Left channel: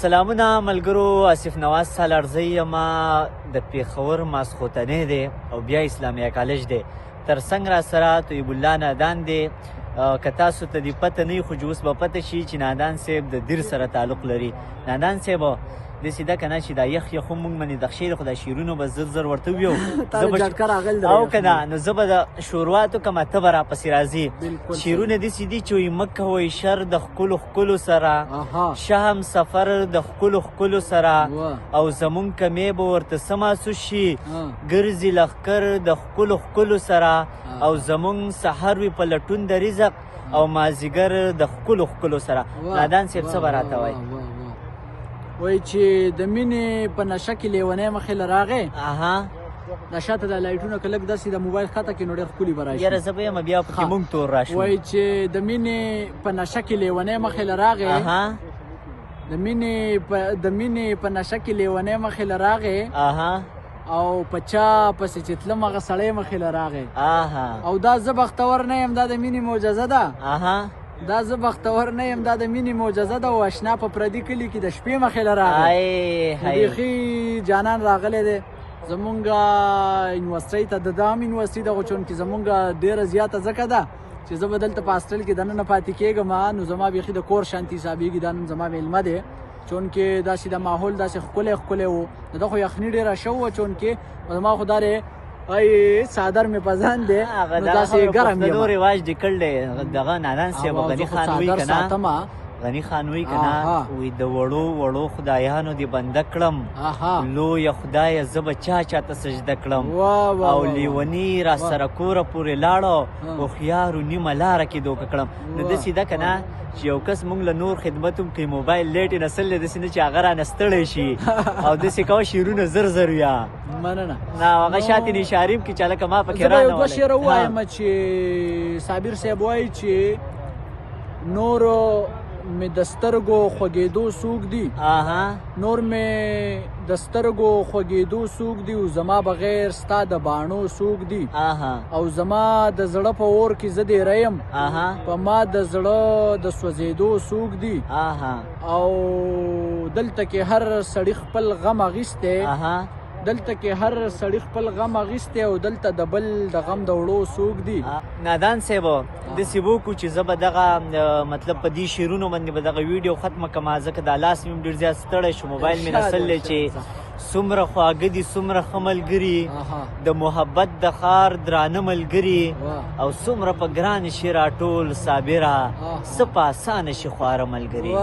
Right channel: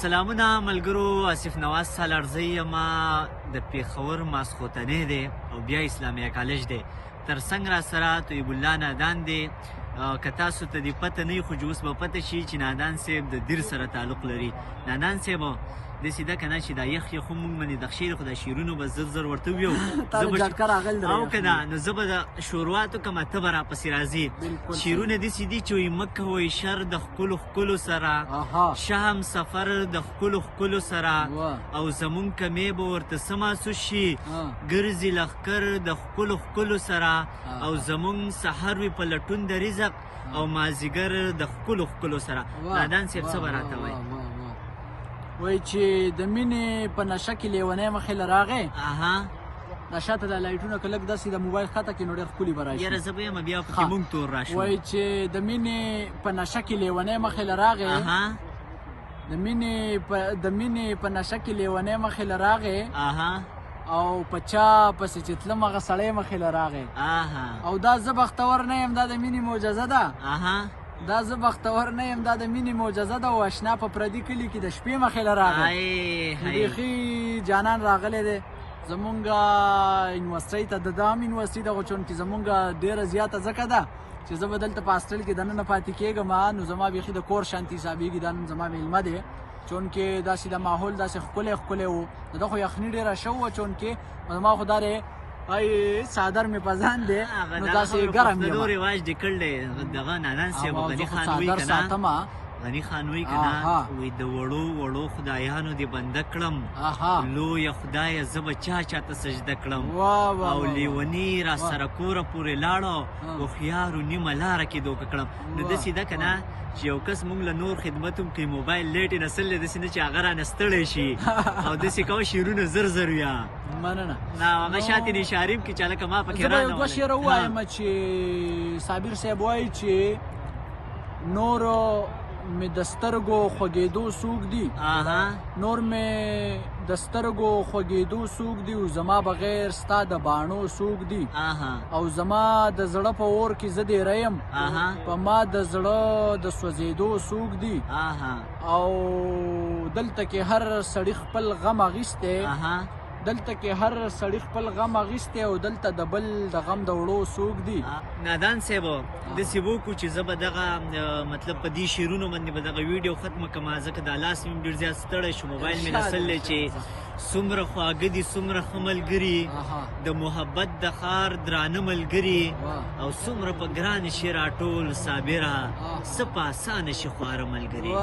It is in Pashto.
سلامونه ملګرو، آصف نواز سالارزی یم. د پېښور ماسخوتنې دی او بیا اسلامیه کالج دی. ترڅنګ را سره طیب الله نادان دی. که تاسو ته دې پته نه وي خو اوس به پته شي چې نادان صاحب د دیر سره تعلق لري. نادان صاحب داسې ده که نه چې دا یخ یخ هم موږ باندې د خیر خو دا شعرونه به زر زر ورته ویو او که نه نو زه به د شروعاتو کومه ته به راپسې راځي. شعرونه داسې دي چې وایي مه کوئ شر د ښکلو ښکلو سره، شه هم سفر د ښکلو ښکلو سره، او زمونږ کمې به ورته څه محسوس شي، ګرځي لښکر د ښکلو ښکلو سره، او زمونږ سحر وي په لټون د رزق او مازدیګر د ښکلو ښکلو سره. نادان صاحب څه به راته وایي؟ وای چې د مینې په نشه کې لیونی مخې له راغی، نشه ته د لایټونه که لږ داسې د موبایل خطه کړي نو ډېر ښکلي به راشي. یاره زه به یم بیا پکې مونږ تور راشو. وایي چې د مینې په نشه کې لیونی مخې له راغی، د مینې په نشه کې لیونی مخې له راغی، او په چا پسې چې تلم هغه سړی مخې له راغی. او دا زه بختور نه یم، دا د مینې معجزه ده. دا زه بختور نه یم، دا د مینې معجزه ده. او اشنا په پردي کلي کې د شپې مخې له راغی. بیخي جانان راغلی دی زمونږ یونیورسټۍ ته. د دا هم یونیورسټۍ ده خو چونکې زمونږ ډېره زیاته ځکه ده چې زه به دلته په هاسټل کې دننه پاتې کېږم، نو زما بیخي د کور شانتي حسابېږي. دا نن زما میلمه دی چونکې داسې د ماحول داسې ښکلی ښکلی و. د ده خو یخني ډېره شه وه چونکې زما خو دا دی څادر مې په ځان دی نو داسې ګرم یم. نو رواج دې کړی دغه نادان صاحب غني خان وایي که نه، غني خان وایي که نه، وایي د وړو وړو خدایانو دې بنده کړم، لویه خدایه زه به چا چاته سجده کړم، او لیوني را سره کوره پورې لاړو، هوښیارو نیمه لاره کې دوکه کړم. نو داسې ده که نه چې یو کس مونږ له نور خدمت هم کوي، موبایل لیټ یې نستلی داسې نه چې هغه رانه ستړی شي او داسې کوه شعرونه زر زر ویا. مننه. نه هغه شاتې نشاریم کې چې هلکه ما پکې رانه زه به یو دوه شعره ووایم چې صابر صاحب وایي چې نورو مې د سترګو خوږېدو څوک دي، نور مې د سترګو خوږېدو څوک دي، او زما بغیر ستا د باڼو څوک دي، او زما د زړه په اور کې زه ډېره یم، په ما د زړه د سوځېدو څوک دي، او دلته کې هر سړي خپل غم اخیستی، دلته کې هر سړي خپل غم اخیستی، او دلته د بل د غم د وړو څوک دي. نادان صاحب داسې وکړو چې زه به دغه مطلب په دې شعرونو باندې به دغه ویډیو ختمه کړم، ځکه دا لاس مې هم ډېر زیات ستړی شو، موبایل مې نسلی چې څومره خواږه دي څومره ښه ملګري، د محبت د ښار درانه ملګري، او څومره په ګرانه شي راټول صابره، څه په اسانه شي خواره ملګري.